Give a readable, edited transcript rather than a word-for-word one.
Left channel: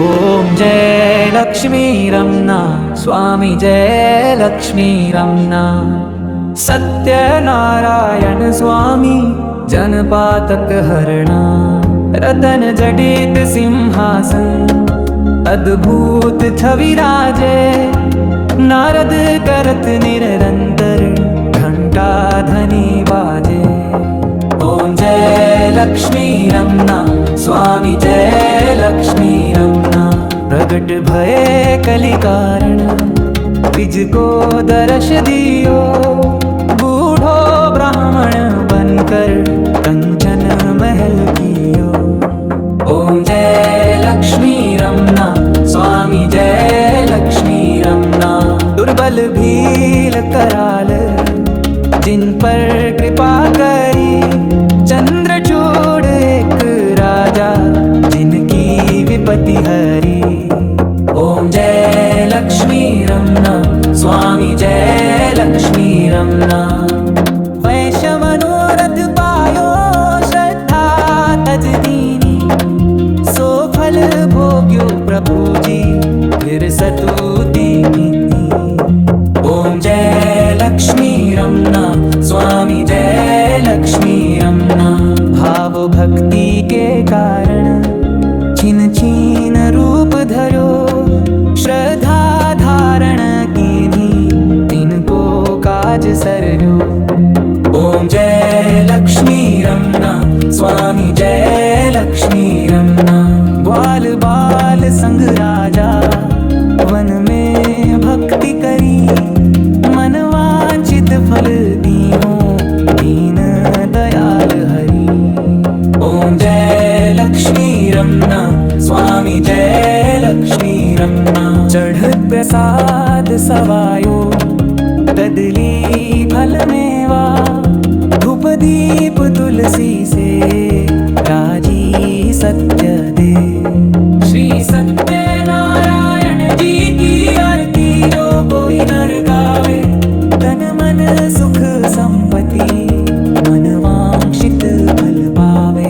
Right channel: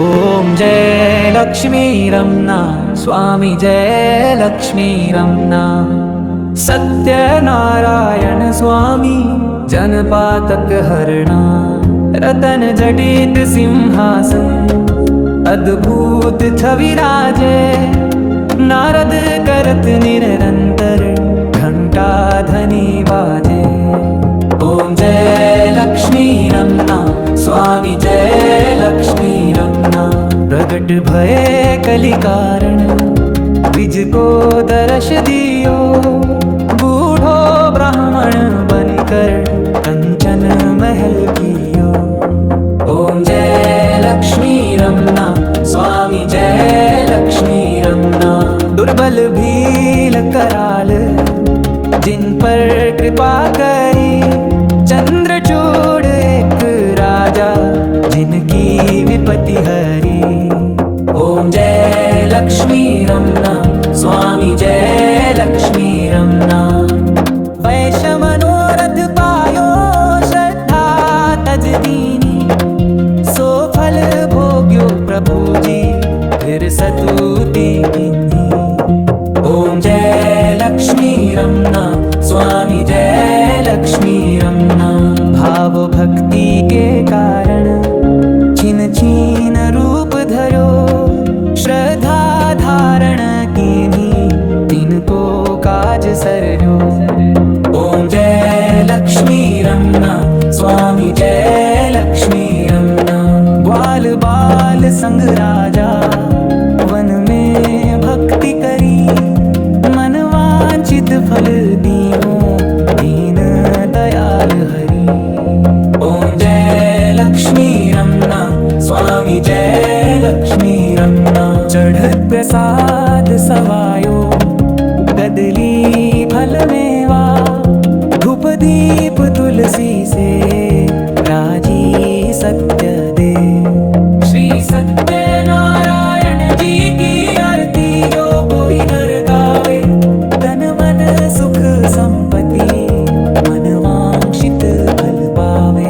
ओम जय लक्ष्मी रमना स्वामी जय लक्ष्मी रमना। सत्यनारायण स्वामी जनपातक हरणा। रतन जडित सिंहासन अद्भुत छवि राजे। नारद करत निरंतर घंटा ध्वनि बाजे। ओम जय लक्ष्मी रमना स्वामी जय लक्ष्मी रमना। प्रगट भये कलि कारण द्विज को दर्श दियो। बूढ़ो ब्राह्मण बनकर कंचन महल कियो। ओम जय लक्ष्मी रमना स्वामी जय लक्ष्मी रमना। दुर्बल भील कराल जिन पर कृपा करी। चंद्रचूड़ एक राजा जिनकी विपत्ति हरी। ओम जय लक्ष्मी रमना स्वामी जय लक्ष्मी रमना। वैश्य मनोरथ पायो श्रद्धा तज दीनी। सो फल भोग्यो प्रभु जी फिर सतुति कीन्ही। ओम जय लक्ष्मी रमना स्वामी जय लक्ष्मी रमना। भाव भक्ति के कारण छिन छिन रूप धरो। श्रद्धा धारण कीन्ही तिनको काज सरयो। ओम जय लक्ष्मी रमना स्वामी जय लक्ष्मी रमना। ग्वाल बाल संग राजा वन में भक्ति करी। मन वांछित फल दीहो दीन दयाल हरि। ओम जय लक्ष्मी रमना स्वामी जय लक्ष्मी रमना। चढ़त प्रसाद सवायो कदली फल मेवा। धूप दीप तुलसी से राजी सत्य दे। श्री सत्यनारायण जी की आरती जो कोई नर गावे। तन मन सुख संपत्ति मन वांछित फल पावे।